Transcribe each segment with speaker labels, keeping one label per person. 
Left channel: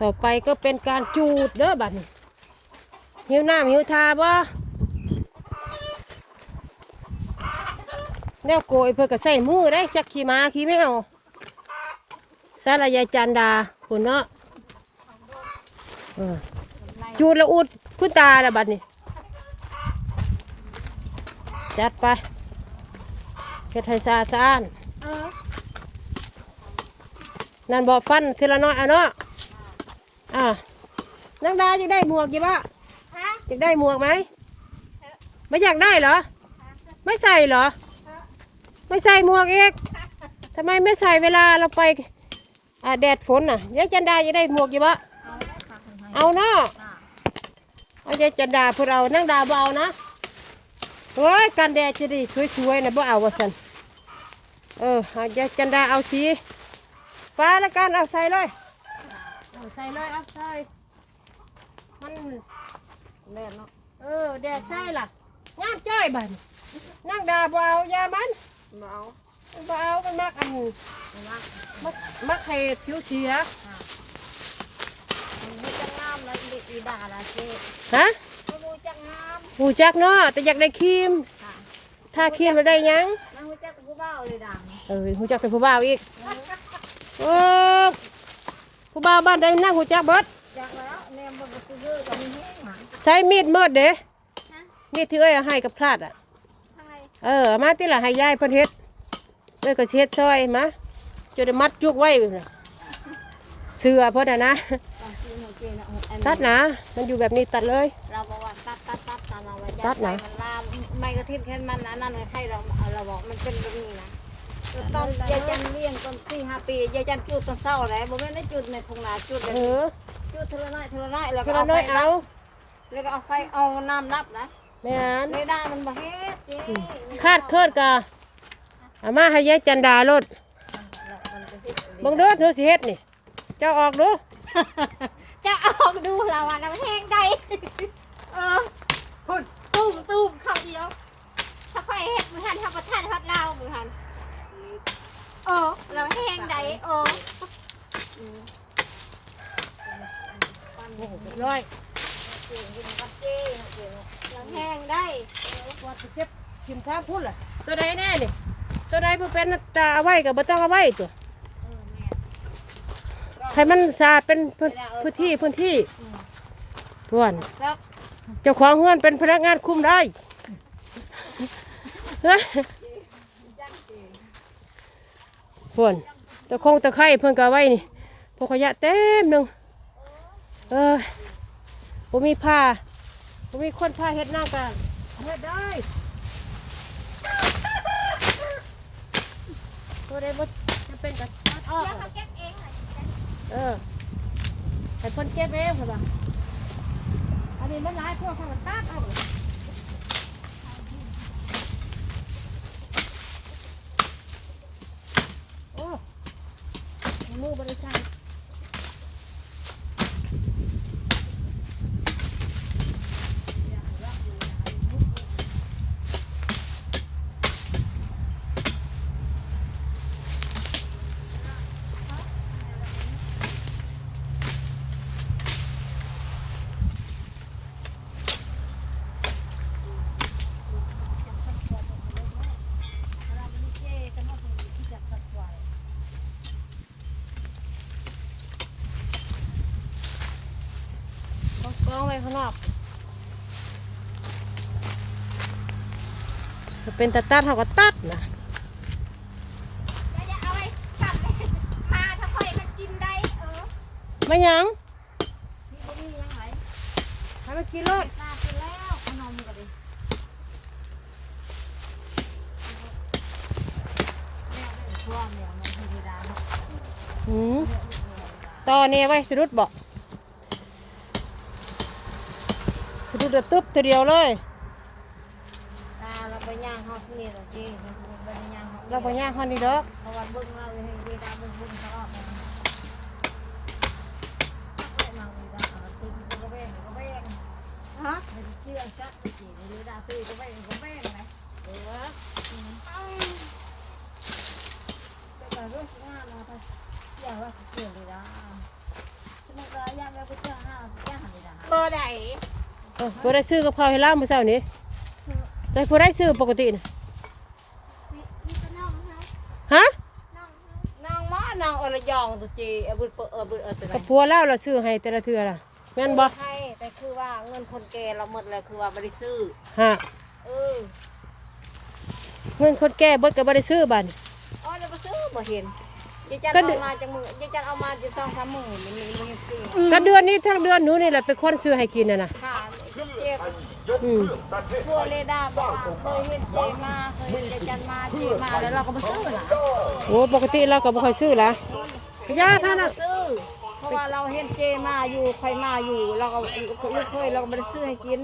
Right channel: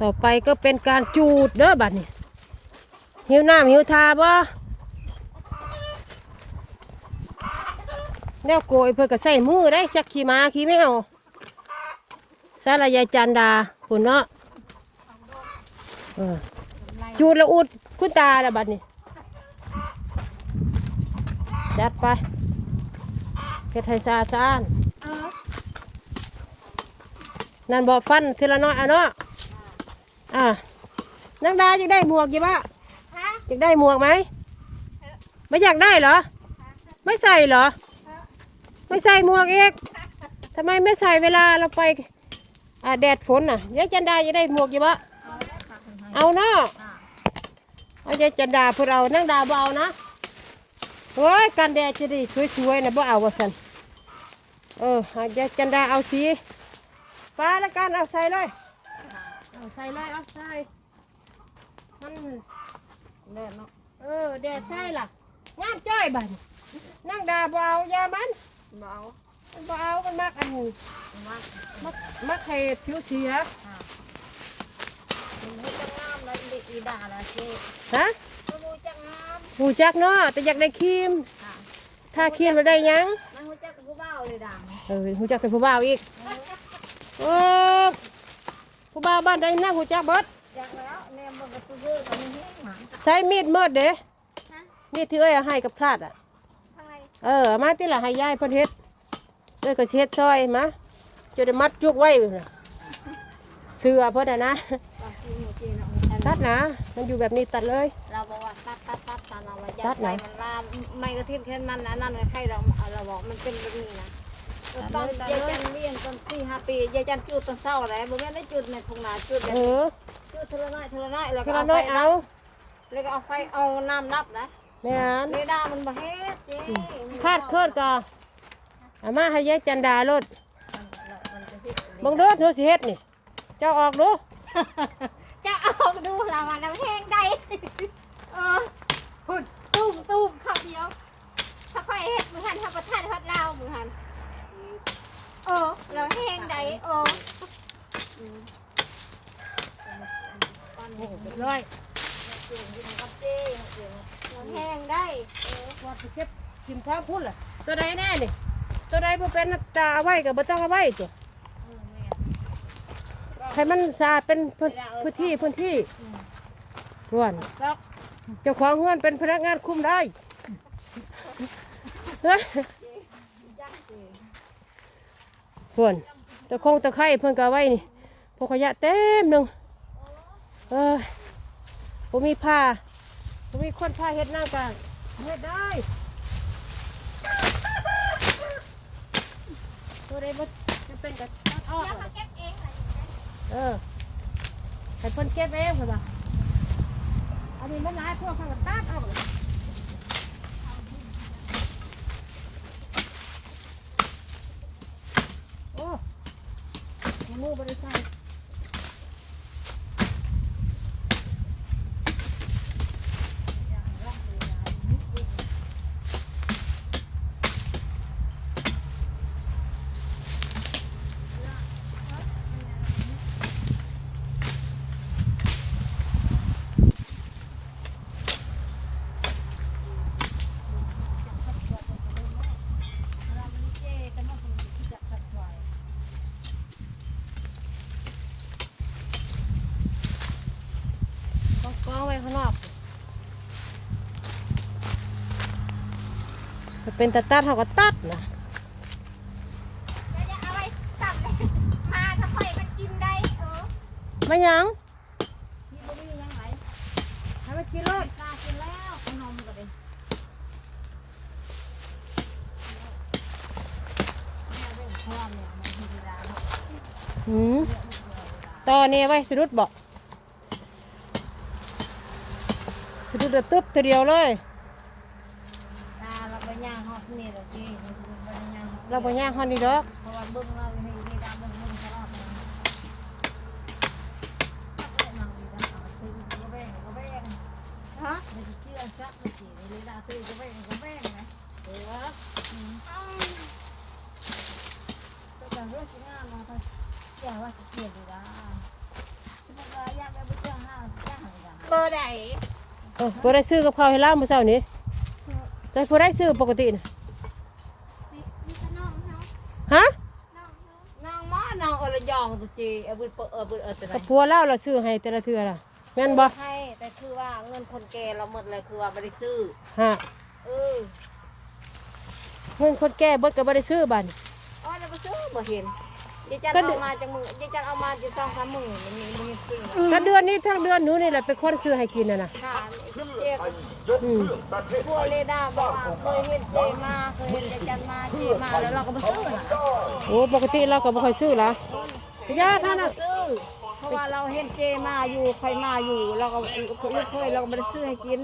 Speaker 1: ต่อไปก็เป็นการจูดเด้อบัดนี้หิวน้ำหิวทาบ่แนวโกยเพื่อก็ใส่มือได้จักขี่ม้าขี่ไม่เอาสารยายจันดาคุณเนาะจูดละอุดคุณตาละบัดนี้ จัดไปเฮ็ดให้สะอาดสะอ้านนั่นบอกฟันทีละน้อยอะเนาะ อะนังดาอยากได้หมวกกี่บ้าอยากได้หมวกไหมไม่อยากได้เหรอ ไม่ใส่เหรอ ไม่ใส่หมวกเอกทำไมไม่ใส่เวลาเราไปอ่าแดดฝนน่ะยายจันดาอยากได้หมวกกี่บ้าเอาเนาะเอายายจันดาพวกเรานั่งดาเบเอานะเฮ้ยกันแดดจะดีสวยๆนะบ่เอาวะสันเออเอายายจันดาเอาสีฟ้าแล้วกันเอาใส่เลย เอาใส่เลยเอาใส่มัน
Speaker 2: แน่เนาะ
Speaker 1: เออแดดใส่ล่ะงามจ้อยบันนั่งดาบ่เอายามัน
Speaker 2: เบา
Speaker 1: มันบ่เอามันมักอันนี้
Speaker 2: มาก
Speaker 1: มักมักให้ผิวเสีย
Speaker 2: มันให้จังงามเลยอีอีด่าละเจ๊
Speaker 1: ฮะ
Speaker 2: ไม่รู้จังงาม
Speaker 1: หูจักเนาะแต่อยากได้ครีม
Speaker 2: ค่ะ
Speaker 1: ถ้าครีมแล้วได้หยัง
Speaker 2: นั่งรู้จักกูเบ้าเลยดัง
Speaker 1: เออหูจักแต่ผู้บ่าวอีกโอ้ผู้ บ่าวบ้านใดนั่งหูจักเบิด
Speaker 2: จักแล้วแนมบนประตูเยอะกับมีแห้งหมา
Speaker 1: ใช้มีดหมดเด้มีดที่เอ้ยเอาให้กับพลาดอะ
Speaker 2: ข้างใน
Speaker 1: เออเอามาที่ละให้ยายเพิ่นเฮ็ดเอ้ยก็สิเฮ็ดซอยมาจะได้มัดจุกไว้น่ะเสื้อเพิ่นน่ะนะ
Speaker 2: เจ๊นะอัน
Speaker 1: ตัดนะมันอยู่แบบนี้ตัดเลย
Speaker 2: เราบอกว่าตัดตัดตัดตัดเราว่า
Speaker 1: ตัดไหน
Speaker 2: มันลามไม่กระทิบแค่มันนะนั่นไม่ใครเราเราบอกมันเป็นแบบนี้นะ ตอนยายจันเลี้ยงตอนสี่ห้าปียายจันจุดตอนเศร้าแล้วบอกว่าได้จุดในทุ่งนาจุดแบบ
Speaker 1: เออ
Speaker 2: จุดเทละน้อยเทละน้อยแล้ว
Speaker 1: เพิ่
Speaker 2: ก็
Speaker 1: น
Speaker 2: เอา
Speaker 1: น้
Speaker 2: ไฟ
Speaker 1: อยเอา
Speaker 2: แล้วก็เอาไฟเอาน้ำรับนะ
Speaker 1: แม่น
Speaker 2: เรดาร์มันบ่เฮ็ดเจ๊
Speaker 1: คาดเคิดกะเอามาให้ยายจันดาโลด
Speaker 2: มันจะเฮ็ด
Speaker 1: เบิ่งเด้อเธอสิเฮ็ดนี่ เจ้าออกดู
Speaker 3: จะเอาดูเราอะน้ำแห้งได้เออคุณตุ้มตุ้มคำเดียวถ้าไฟเห็ดมือหันทำประทานพัดเรามือหัน เออเราแห้งได้เออ
Speaker 1: ร้อย
Speaker 3: เราแห้งได้
Speaker 1: วัดไปเก็บกินทางพุ่นล่ะตัวใดแน่นี่ตัวใดบ่เป็นตาเอาไว้ก็บ่ต้องเอาไว้ตัวให้มันสะอาดเป็นพื้นที่พื้นที่ทวนเจ้าของเฮือนเป็นพนักงานคุมได้ เฮ้ยทวนตะคงตะไคร้เพิ่นก็ไว้นี่พวกขยะเต็มหนึงเออผมมีผ้าผมมีคนผ้าเฮ็ดหน้ากันเฮ็ดได้ตัวใดบ่จะเป็นกับตัดออก
Speaker 3: เขาเก็บเองเอ
Speaker 1: อให้เพิ่นเก็บเองเพิ่นว่าอันนี้มันหลายพวกเขาก็ตัดเอาเลยโอ้เอา มือบริษัทก องกองไว้ข้างนอกจะเป็นตาตัดเขาก็ตัดนะ
Speaker 3: จะจะเอาไว้สั่นเลยมาถ้าไฟมันกินได้เออ
Speaker 1: ไม่หยัง
Speaker 2: มีบ่มียังไง
Speaker 1: ให้มันกินเลย
Speaker 2: ตากินแล้วขนมก็ดิความเนี่ยมันธรรมดาเนาะ
Speaker 1: หืมต่อเนี่ยไว้สะดุดบอก สะดุดเดือดตึ๊บทีเดียวเลย
Speaker 2: ตาเราไปย่างฮอกนี่แหละที่เราไปย่างฮอก
Speaker 1: เราไปย่างฮันดีดอก
Speaker 2: เพราะว่าเบิ่งเราเห็นดีดาเบิ่งเบิ่งตลอดเลยนั่งดีดาหาซื้อก็แบ่งก็แบ่ง
Speaker 3: ฮะ
Speaker 2: มันเชื่อชัดมันสิดีดาซื้อก็แบ่งก็แบ่งไหมเออแต่เรื่องงานเนาะถ้าอย่าว่าเกิดดีดาสมการ
Speaker 3: บ่ได้
Speaker 1: เออบ่ได้ ซื้อกับข้าวให้ล่ามื้อเช้านี้ได้บ่ได้ซื้อปกติน่ะ
Speaker 3: มีแต่น้องเฮา
Speaker 1: ฮะ
Speaker 3: น้องเฮา
Speaker 2: น้องมานางอรยองตุจีเอาบุญเปิดเอาบุญเออจะไหน
Speaker 1: กับผัวเล่าเราซื้อให้แต่ละเทื่อล่ะแม่นบ่
Speaker 2: ให้แต่คือว่าเงินคนแก่เราหมดเลยคือว่าไม่ได้ซื้อ
Speaker 1: ฮะ
Speaker 2: เออ
Speaker 1: เงินคนแก่เบิดก็บ่ได้ซื้อบัด
Speaker 2: อ๋อเราไปซื้อบ่เห็น ยายจัน
Speaker 1: ก็ดู
Speaker 2: เอามาจากมือยายจันเอามาจะสองสามหมื่นนี่มีบ่เห็นซื้อ
Speaker 1: ก็เดือนนี้ทั้งเดือนหนูนี่แหละเป็นคนซื้อให้กินน่ะนะ
Speaker 2: ค่ะยุบเจ๊ก
Speaker 1: อืม
Speaker 2: พวกเลด้าบอกว่าเคยเห็นเจมาเคยเห็นยายจันมาเจมาแล้วเราก็มาซื้อนะ
Speaker 1: โอ้ปกติเราก็บ่ค่อยซื้อละยาท่าน
Speaker 2: เรา
Speaker 1: น่ะ
Speaker 2: ซื้อเพราะว่าเราเห็นเจมาอยู่คอยมาอยู่เราก็ลูกเคยเราก็ไม่ได้ซื้อให้กิน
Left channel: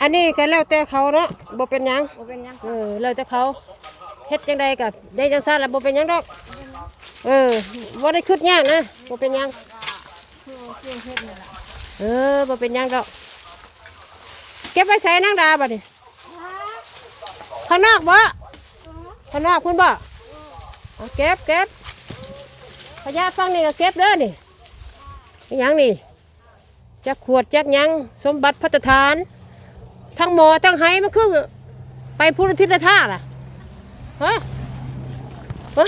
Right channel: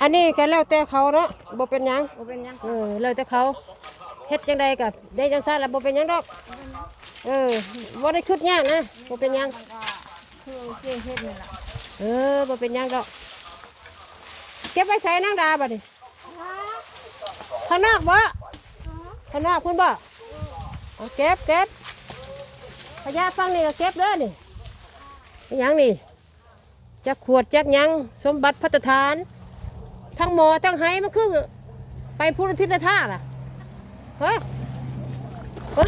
Speaker 1: อันนี้ก็แล้วแต่เขาเนาะบ่เป็นหยัง
Speaker 2: บ่เป็นหยัง
Speaker 1: เออแล้วแต่เขาเฮ็ดจังใดกับได้จังซั่นแล้วบ่เป็นหยังดอก เออบ่าได้คิดยากนะบ่เป็นยัง
Speaker 2: คือเจเฮ็ดนี่แหละ
Speaker 1: เออบ่เป็นยังดอกเก็บไว้ใส่นางดาบัดนี้ข้างนอกบ่ข้างนอกคุณบ่เอาเก็บเก็บพญาฟังนี่ก็เก็บเด้อนี่ยังนี่จักขวดจักยังสมบัติพัฒฐาน ทั้งหมอทั้งไหมันคือไปพุทธทิศท่าล่ะฮะฮะ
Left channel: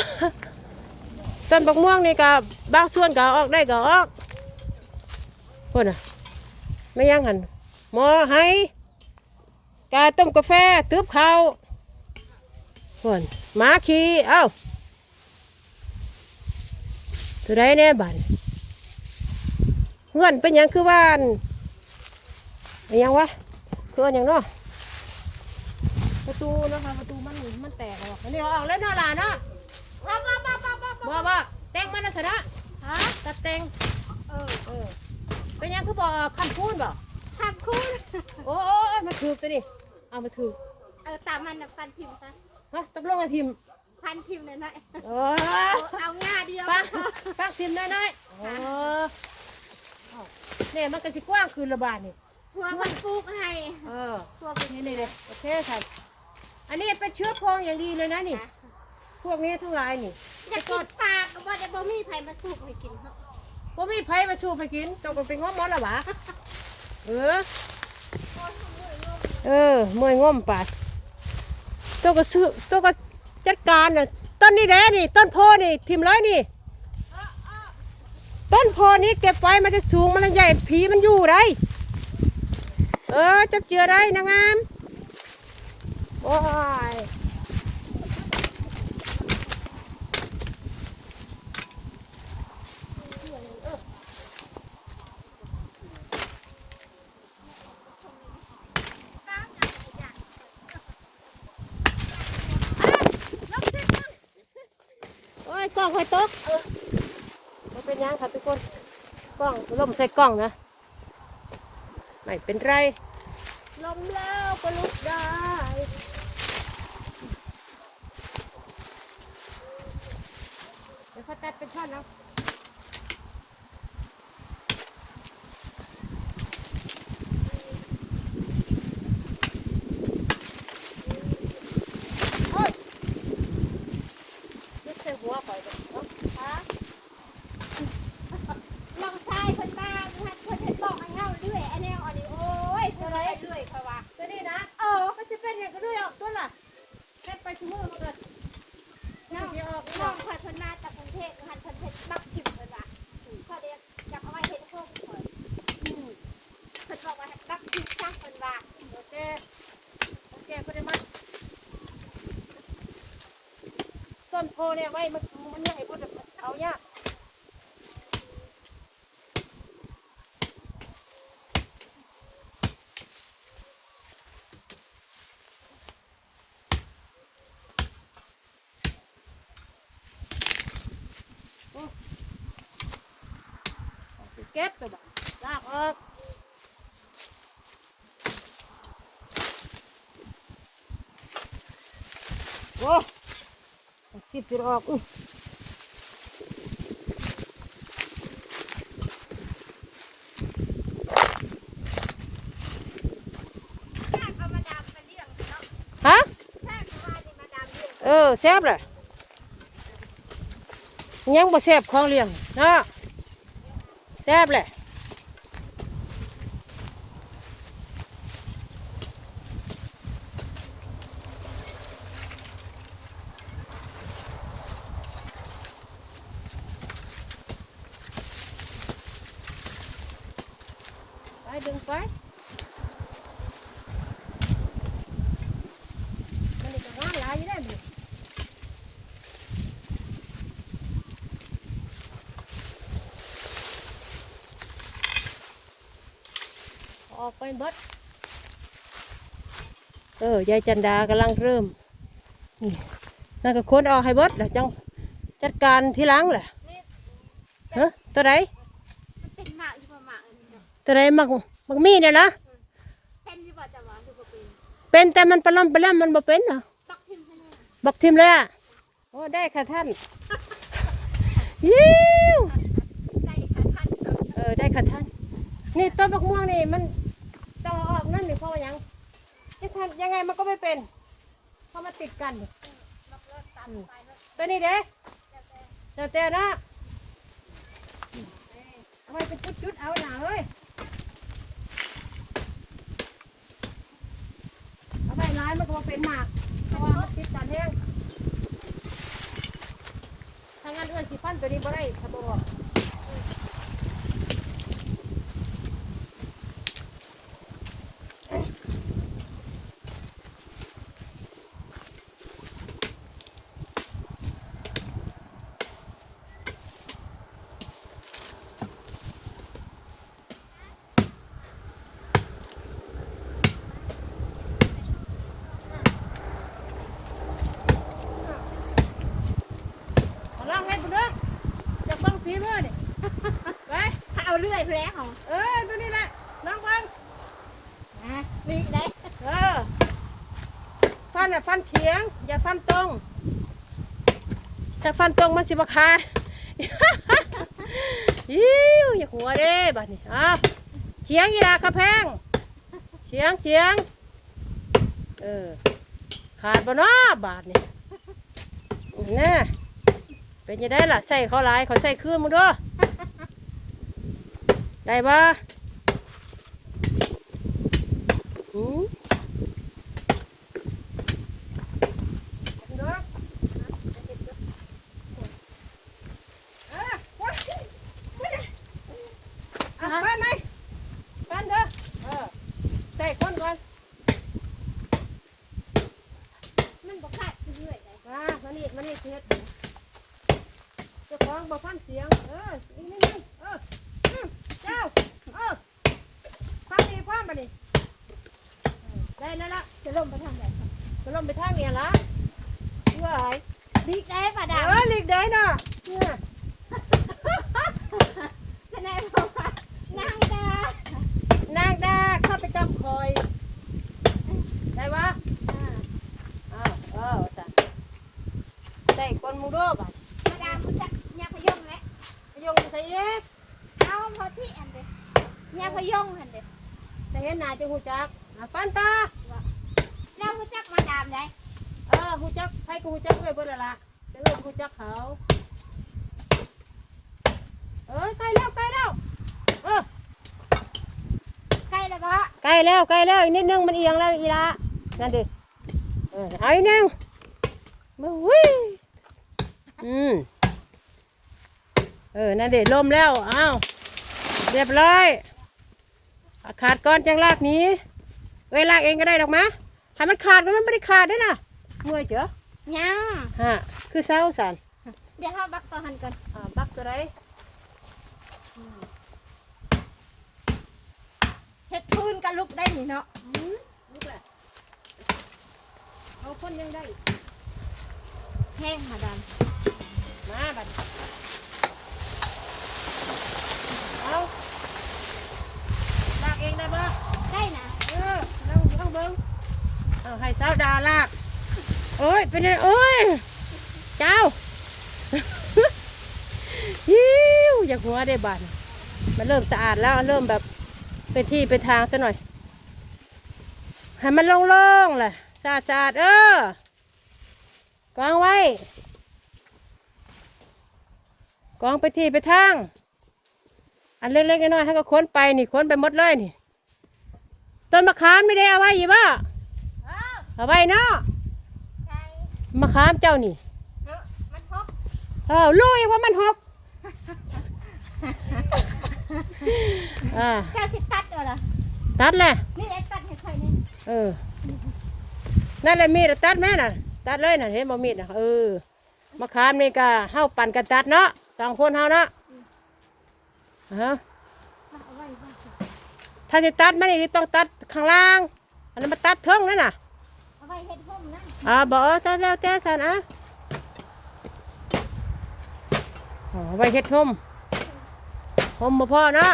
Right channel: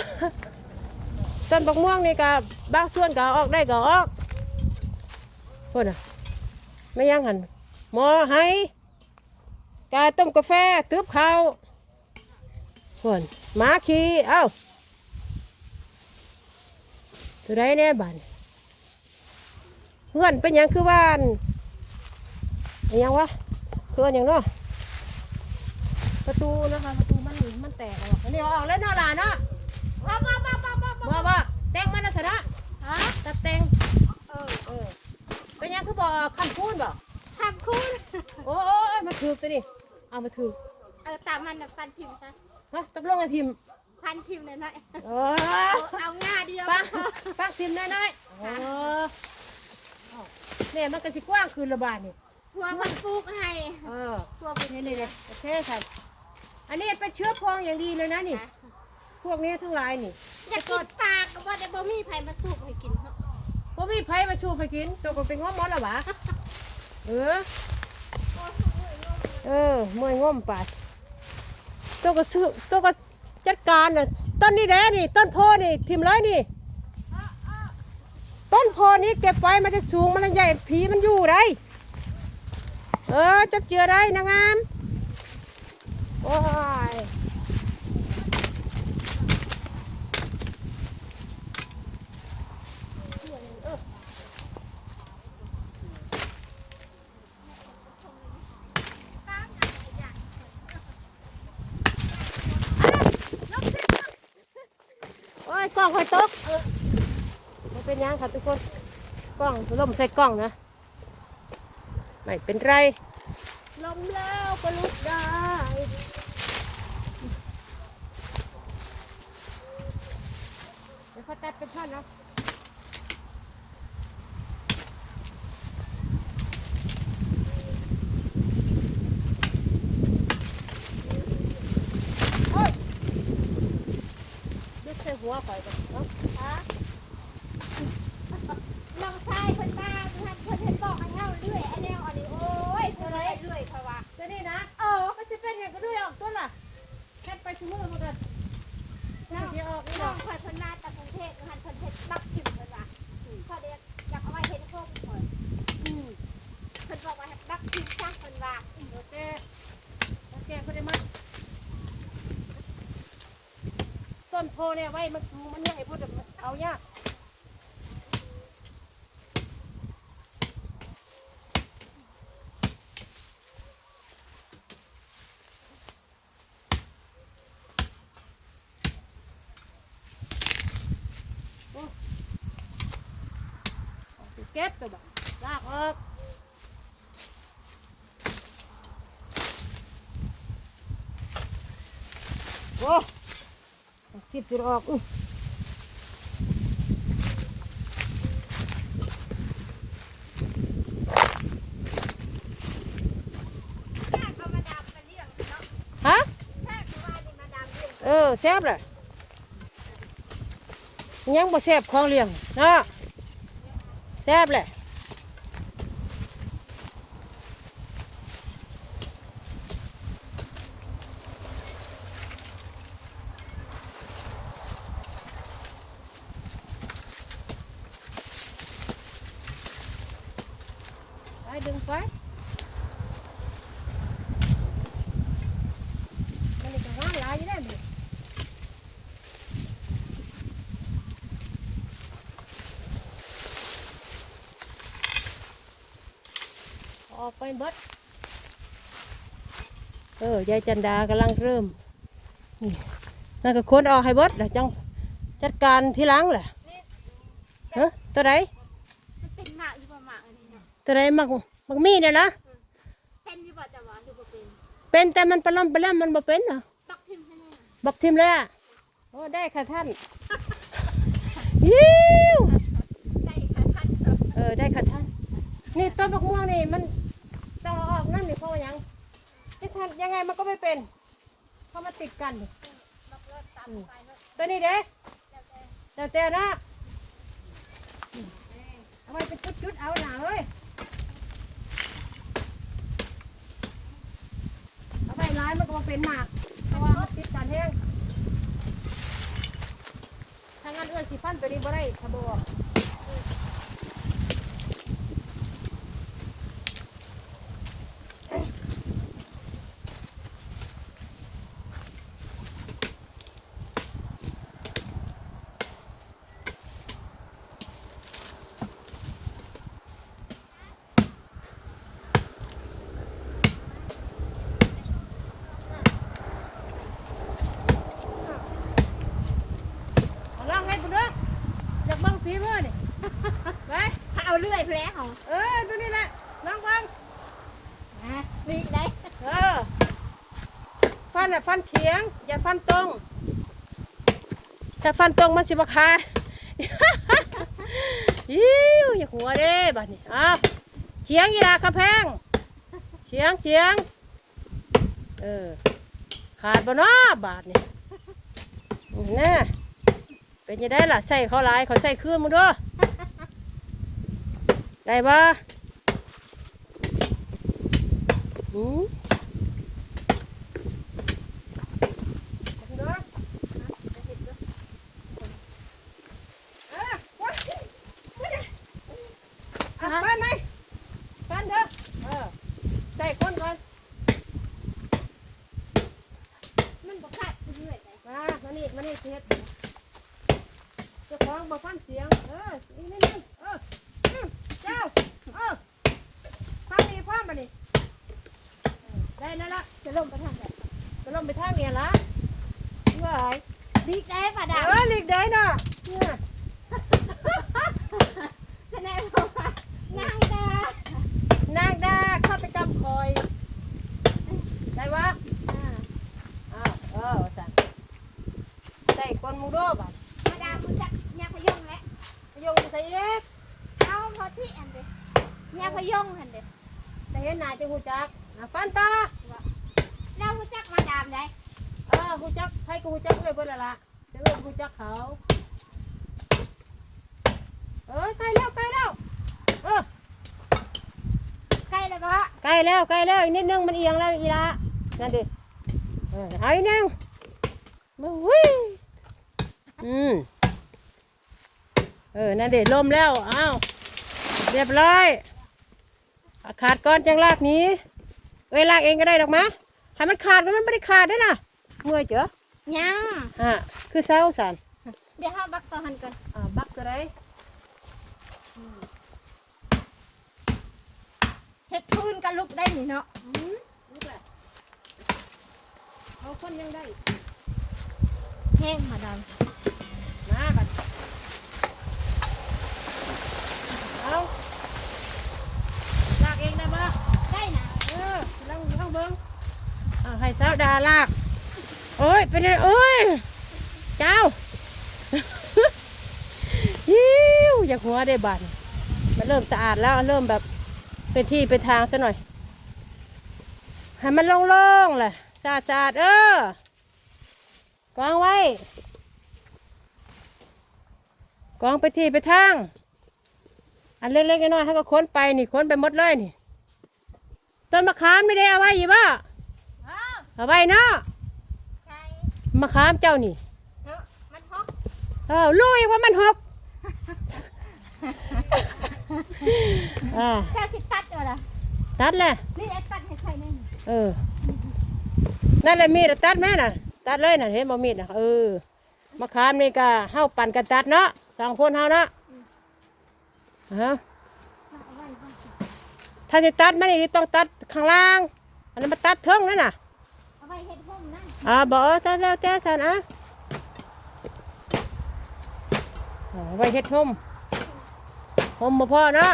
Speaker 1: ต้นบักม่วงนี่ก็บางส่วนก็ออกได้ก็ออกพุ่นน่ะไม่ยังหันหมอไหกาต้มกาแฟตืบข้าวพุ่นหมาขี้เอ้าตัวใดแน่บันเพื่อนเป็นยังคือว่านเป็นยังวะคืออนหยังเนาะประตูนะคะประตูมันมันแตกออกอันนี้ออกแล้วเนาะหลานเนาะ
Speaker 3: บ้าบ้าบ้าบ่บ่
Speaker 1: แตงมันนะสนะ
Speaker 3: ฮะ
Speaker 1: ตัดแตง
Speaker 3: เออ
Speaker 1: เออเป็นหยังคือบ่คันคูนบ่
Speaker 3: ทำคุณ
Speaker 1: โอ้ยมาถือไปนี่เอามาถือ
Speaker 3: เออตามมันน่ะฟันพิมพ์ซะ
Speaker 1: ฮะตกลงไอ้พิมพ์
Speaker 3: พันพิมพ์เลยหน่อย
Speaker 1: โอ้ย
Speaker 3: เอาหน้าเดียว
Speaker 1: ปักปักพิมพ์น้อยๆโอ้เอาเนี่ยมันก็สิกว้างคืนละบาทนี่
Speaker 3: หัวมันปลูกให้
Speaker 1: เออนี่นี่เลยโอเคค่ะอันนี้เป็นเชื้อเพลิงอย่างดีเลยนะนี่ พวกนี้ทั้งหลายนี่
Speaker 3: อยากกินปลาก็บ่ได้บ่มีไผมาสูบให้กินเนาะ
Speaker 1: บ่มีไผมาสู้ไปกินตกลงเป็นง้อมหมอละหวะเออเออเมื่อยง่วมไปตัวก็ซื้อตัวก็จัดการน่ะต้นนี้แหละนี่ ต้นโพนี่ทิมร้อยนี่ ต้นโพนี้เก็บไว้มันจะสูงมันจะใหญ่ผีมันอยู่ได้ เออจับเจือได้นางงามโอ้ยโอ้ยก ล้องคอยตกเออไม่เป็นหยังค่ะทุกคนกล้องล่มใส่กล้องนะไม่เป็นไร
Speaker 3: ลมแล้วก็ลุกได้
Speaker 1: เดี๋ยวเขาตัดเป็นท่อนเอาโอ้ยยกใส่หัวข่ อยก่อนเนาะ
Speaker 3: น้องชายเพิ่นมาเพิ่นเพิ่นเฮ็ดบอกให้เฮาเรื่อยไอ้แนวอันนี้โอ้ยเพิ่นเฮ็ดเรื่อยค่อยว่า
Speaker 1: ตัวนี้นะอ๋อมันจะเป็นอย่างก็ด้วยออกตัวล่ะแค่ไปชั่วโมงมันก็
Speaker 3: น้องน้องเพิ่นเพิ่นมาจากกรุงเทพเพิ่นเพิ่นบักพิมพ์เพิ่นว่าพอเด็กอยากเอาไว้เฮ็ดโคมข่อยอืมเพิ่นบอกว่าบักพิมพ์ช่างเพิ่นว่า
Speaker 1: โอเคโอเคพอได้มั้ยต้นโพเนี่ยไว้มันสูงมันใหญ่พอจะเอาเนี่ยเอาไปเก็บตัวบ้างลากออกโอ้สิบจุดออกอุ้ย
Speaker 3: ถ้าก็มาดามกัน
Speaker 1: ฮะ
Speaker 3: เลี้ยง
Speaker 1: เออแซ่บเลยยังบ่แซ่บของเลี้ยงเนาะ แซ่บเลย ไปดึงไปมันนี่ก็งานหลายอยู่ได้อมึงออกไปเบิดเออ ยายจันดากำลังเริ่มนั่นก็คนออกให้บดแล้วจังจัดการทีหลังแหละเฮ้ตัวไหน
Speaker 3: มันเป็นมากหรือเปล่าหมากนี่นะ
Speaker 1: ตัวไหนมักมักมีเนี่ยนะ
Speaker 3: เป็นหรือเปล่าจะหวานเปล่าเป็น
Speaker 1: เป็นแต่มันปลาล่ำปลาล่ำมันบ่เป็นเหรอ
Speaker 3: ตักทิมใช่ไหม
Speaker 1: บักทิมแล้วอะโอ้ได้ค่ะท่านยิ้ว
Speaker 3: เอ
Speaker 1: อได้ค่ะท่านนี่ต้นมะม่วงนี่มันต้องออกนั่นนี่เพราะว่ายัง จะทำยังไงมันก็ไม่เป็น เพราะมันติดกันอืมตัวนี้เด้เจ้าเต้นะอืมเอาไว้เป็นจุดๆเอาหนาเอ้ยเอาไว้ร้ายมันก็มาเป็นหมากเพราะว่ามันติดกันแห้งถ้างั้นเอื้อสิฟันตัวนี้บ่ได้ถ้าบออก เอาล่างให้ไปเด้อจากเบังฝีมือนี่ไป
Speaker 3: เอาเลื่อยแผลของ
Speaker 1: เออตัวนี้แหละลองเบัง
Speaker 3: นะลีกได้
Speaker 1: เออฟันอะฟันเฉียง อย่าฟันตรงถ้าฟันตรงมันสิบขาดอิ้วอย่าหัวเด้บัดนี้อ้าวเฉียงอีลากระแพงเฉียงเฉียงเออขาดบ่เนาะบาทนี่แน่เป็นยังได้ล่ะใส่เขาหลายเขาใส่คืนมึงด้วย ได้ปะอืมอะฟันไหมฟันเถอะเออใส่คนก่อน
Speaker 3: มันบ่ขาดเลื่อยได้
Speaker 1: มามานี่มานี่เช็ดเจ้าของบ่ฟังเสียง เออนี่นี่นี่เอออืมเจ้าเออฟังดีฟังมาดิเออได้แล้วละ
Speaker 3: จะลงไปทางไหน
Speaker 1: จะลงไปทางเนี่ยละว่าไง
Speaker 3: ลีกได้ป่ะ
Speaker 1: เอ
Speaker 3: ดาว
Speaker 1: อหลีกได้น่ะเนี่ย
Speaker 3: ทนายบอกว่านางดานา
Speaker 1: งดาเข้าไปจำคอยได้วะ
Speaker 3: อ่า
Speaker 1: เออเออจ้ะได้คนมูโดบัด
Speaker 3: มาดามคุณจะยาพยงแล้ว
Speaker 1: พยงไปใส่เอ๊ะ
Speaker 3: เอาพอที่อันเดียยาพยงอันเดีย
Speaker 1: ได้เห็นหน้าจะหูจักอะฟันตา
Speaker 3: แล้วคุณจักมาดามได้
Speaker 1: เออหูจักใครก็หูจักเลยเบ่ละละจะเริ่มหูจักเขา เออใกล้แล้วใกล้แล้ว เออ
Speaker 3: ใกล้แล้วปะ
Speaker 1: ใกล้แล้วใกล้แล้วอีกนิดนึงมันเอียงแล้วอีละนั่นดิเออเอาอีกนึงมาวิ่งอืมเออ นั่นดิลมแล้ว อ้าว เรียบร้อยขาดก้อนจังลากนี้ เอ้ยลากเองก็ได้ดอกมะให้มันขาดมันไม่ได้ขาดด้วยนะ เมื่อยเจอ
Speaker 3: ยัง
Speaker 1: ฮะคือเศร้าสัน
Speaker 3: เดี๋ยวห้าบักต่อหันกัน
Speaker 1: อ่าบักตัวไร
Speaker 3: เฮ็ดพื้นกันลุกได้นี่เนาะ
Speaker 1: ลูกแหละเอาคนยังได้
Speaker 3: แห้งมาดาม
Speaker 1: มาบัดเอาลากเองได้ปะ
Speaker 3: ได้นะ
Speaker 1: เออลองลองเบิ้งเอาให้สาวดาลาก โอ้ย เป็นไงโอ้ย เจ้า ยิ้วอยากหัวได้บาดมันเริ่มสะอาดแล้วเริ่มแบบเป็นที่เป็นทางซะหน่อย ให้มันโล่งๆแหละสะอาดสะอาดเออกางไว้ กองไปที่ไปทาง อันเล็กๆน้อยๆให้ก็ค้นไปนี่ค้นไปหมดเลยนี่ต้นมะขามไม่ได้เอาไว้อยู่บ่เอาไว้เนาะ
Speaker 3: ใช่
Speaker 1: มะขามเจ้านี่
Speaker 3: เนอะมันฮอก
Speaker 1: เออรู้อีกว่ามันหกอ่า
Speaker 3: เจ้าสิตัดเหรอบ่ล่ะ
Speaker 1: ตัดแหละ
Speaker 3: นี่ไอ้ตัดให้ใครเนี่ย
Speaker 1: เออนั่นแหละมีดอะตัดแม่น่ะ ตัดเลยน่ะเห็นบ่มีดน่ะเออมะขามนี่ก็เฮาปั่นกันตัดเนาะสองคนเฮาเนาะฮะ
Speaker 3: มาเอาไว้ไว้
Speaker 1: ถ้าจะตัดมันนี่ต้องตัดข้างล่าง อันนั้นมาตัดเทิงนั่นน่ะ
Speaker 3: เอาไว้เฮ็ดห่มนั่น
Speaker 1: อ่าบ่ตัดแล้วแต่สันอะอ๋อไว้เฮ็ดห่มห่มบ่พอเนาะ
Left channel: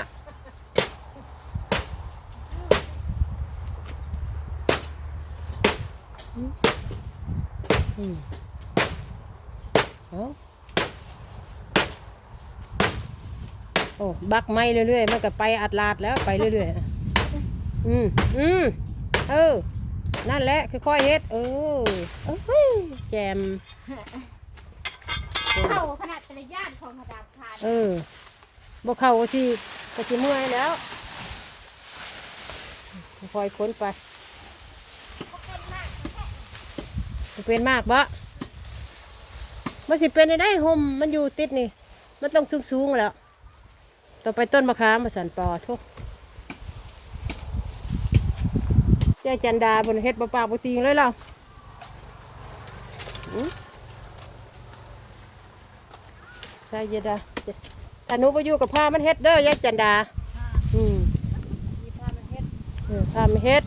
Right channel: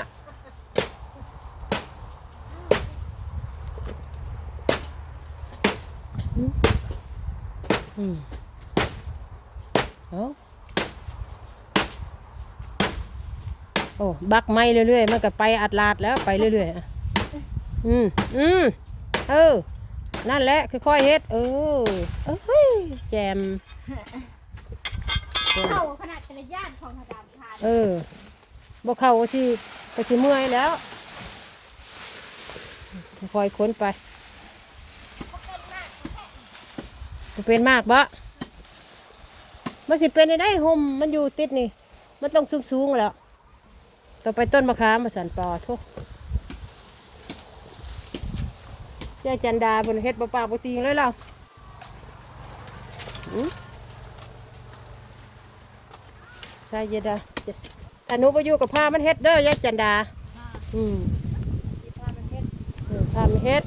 Speaker 1: อืมเอาโอ้บักไม้เรื่อยๆ มันก็ไปอัดลาดแล้ว ไปเรื่อยๆ อืม อืม เออ นั่นแหละค่อยๆเฮ็ดเออเออแจม
Speaker 3: เข้าขนาดแต่ละย่านของพระดามทาน
Speaker 1: เออบ่เข้าก็สิก็สิเมื่อยแล้วค่อยๆพ้นไป
Speaker 3: เขาเป็นมากเขาแค่
Speaker 1: มันเป็นมากบ่มันสิเป็นได้ได้ห่มมันอยู่ติดนี่ มันต้องสูงๆแล้ว ต่อไปต้นมะขามมาสันปอทุก ยายจันดาบนเฮ็ดบ่ปากบ่ตีงเลยเราอืมใช่ยายดาถ้าหนูไปอยู่กับผ้ามันเฮ็ดเด้อยายจันดา
Speaker 2: ค่ะ
Speaker 1: อืม
Speaker 2: มีพามันเฮ็ด
Speaker 1: เออผ้ามันเฮ็ด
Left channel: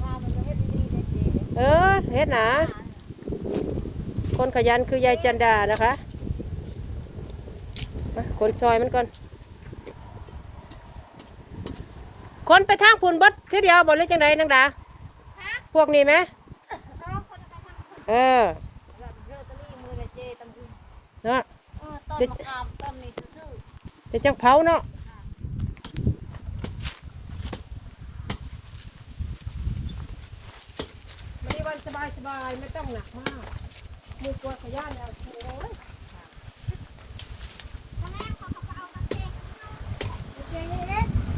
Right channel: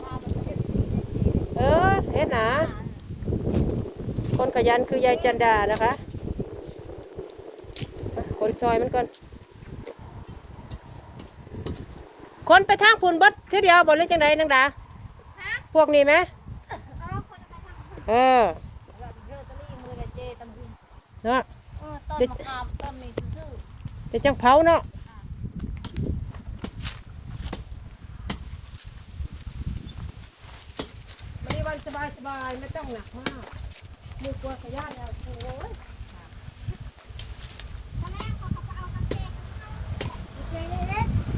Speaker 2: พามันเฮ็ดดีๆเด็ดดี
Speaker 1: เออเฮ็ดนะคนขยันคือยายจันดานะคะไปคนซอยมันก่อน คนไปทางพุ่นบดทีเดียวบดหรือจังไดนังดาพวกนี้ไหม
Speaker 3: เอ
Speaker 1: อ
Speaker 2: เนาะเออต้นมะขามต้นนี้ซื่อ
Speaker 1: จะจังเผาเนาะไม่วันสบายสบายไม่ต้องหนักมากมือกลัวขยันแล้วโอ้ย
Speaker 3: ทำไมเขาเขาเอามาเท
Speaker 1: เจ๊เลยเล็ก
Speaker 2: ๆ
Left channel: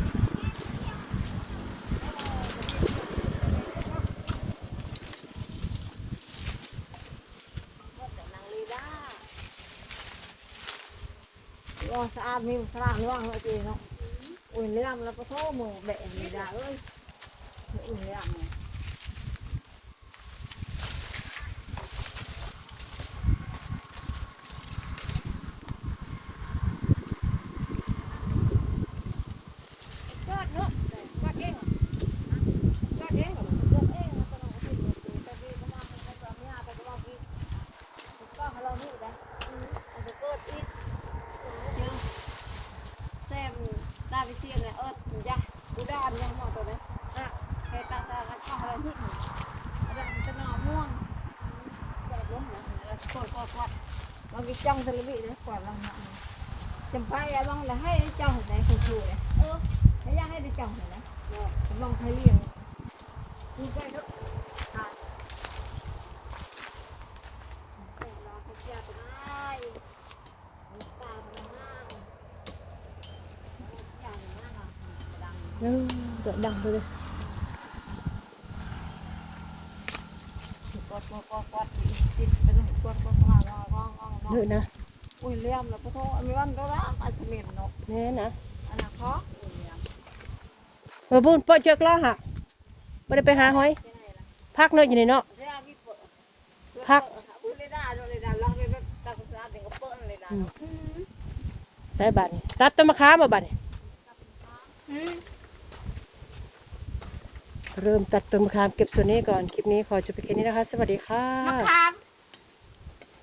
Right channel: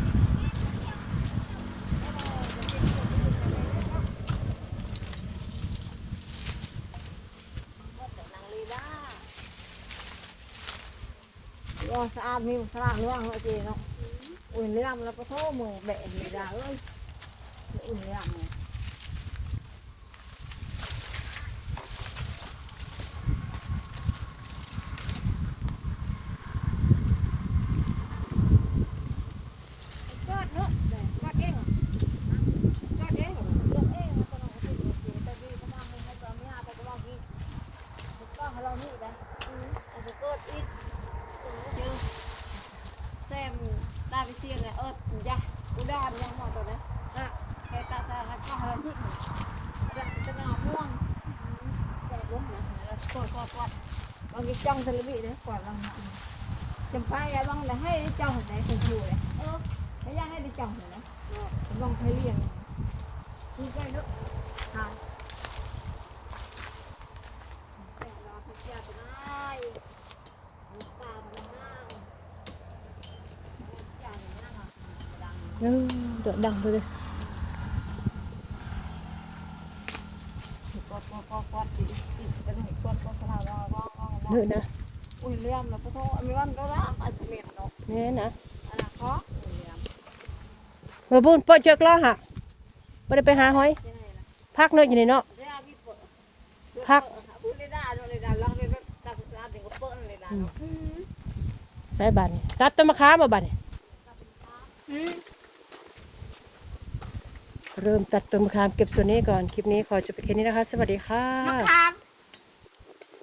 Speaker 2: ว่า สะอาดมีสะอาดร่องเลยเจเนาะอุ่นเรื่องแล้วก็โทษมือแดดนี่ดาเอ้ยอุ่นเรื่องเนี่ย
Speaker 3: กอดเนาะกอดเองเหรอกอดเองเหรอ
Speaker 2: เส้นตาดิเซียนเลยเออยักษ์ดูด้านเนี่ยหมดเลยอะแค่ตาตาแล้วก็อะไรนี่อะไรจะมาม่วงจอดล้มนะโคตรโคตร มันมีจ้องทะเลบิเลยก่อนเราหนักจำไปอะบังเลยให้ไเนื้
Speaker 1: อ
Speaker 2: นะอุ้ยเลี้ยมแล้วก็โทษมีวันก็รักอาสมิเนาะ
Speaker 1: นี่นะ
Speaker 2: อันนั้นเพราะ
Speaker 1: เออบุญเปิดเจอกล้อหักไม่ได้ไปหาหอย
Speaker 2: ที่ไหนล่ะ
Speaker 1: พักเนื้ออยู่ในเนาะ
Speaker 2: เรื่องที่เปิด
Speaker 1: พัก
Speaker 2: พูดได้ได้เลยได้ลองเลยตักสะอาดถึงก็เปิดเลยได้
Speaker 1: ใส่บาทนี่ตัดต้นมะขามมาบาทนี่เริ่มตัดต้นมะขามเก็บส่วนนี้ก่อน คลิปนี้ขอจบไปแค่นี้นะคะ สวัสดีค่ะ
Speaker 3: มะขาม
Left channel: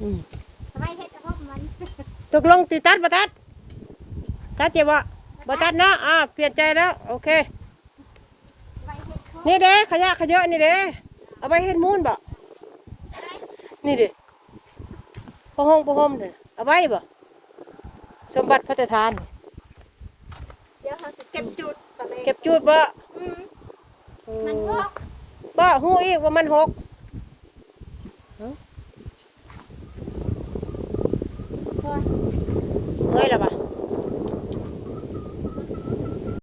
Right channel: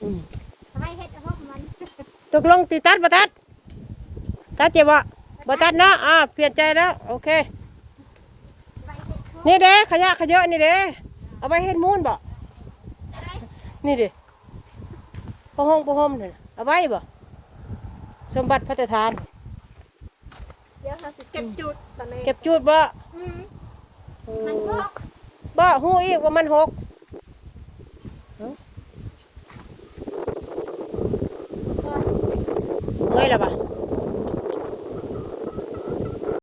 Speaker 1: อืม
Speaker 3: ทำ ไมเฮ็ดห่มมัน
Speaker 1: ตกลงตีตัดบ่ตัดตัดเจ็บบ่บ่ตัดเนาะอ่าเปลี่ยนใจแล้ว โอเค นี่เด้ขยะขยะนี่เด้เอาไปเฮ็ดมูลบ่นี่เด้พะห้องพะห้องนี่เอาไว้บ่สมบัติพระราชทาน
Speaker 3: เดี๋ยวเราสิเก็บจุดตอนนี้
Speaker 1: เก็บจูดบ่
Speaker 3: อืม
Speaker 1: เอ
Speaker 3: มัน
Speaker 1: อ
Speaker 3: ก็
Speaker 1: บ่ฮู้อีกว่ามันหก Voy a.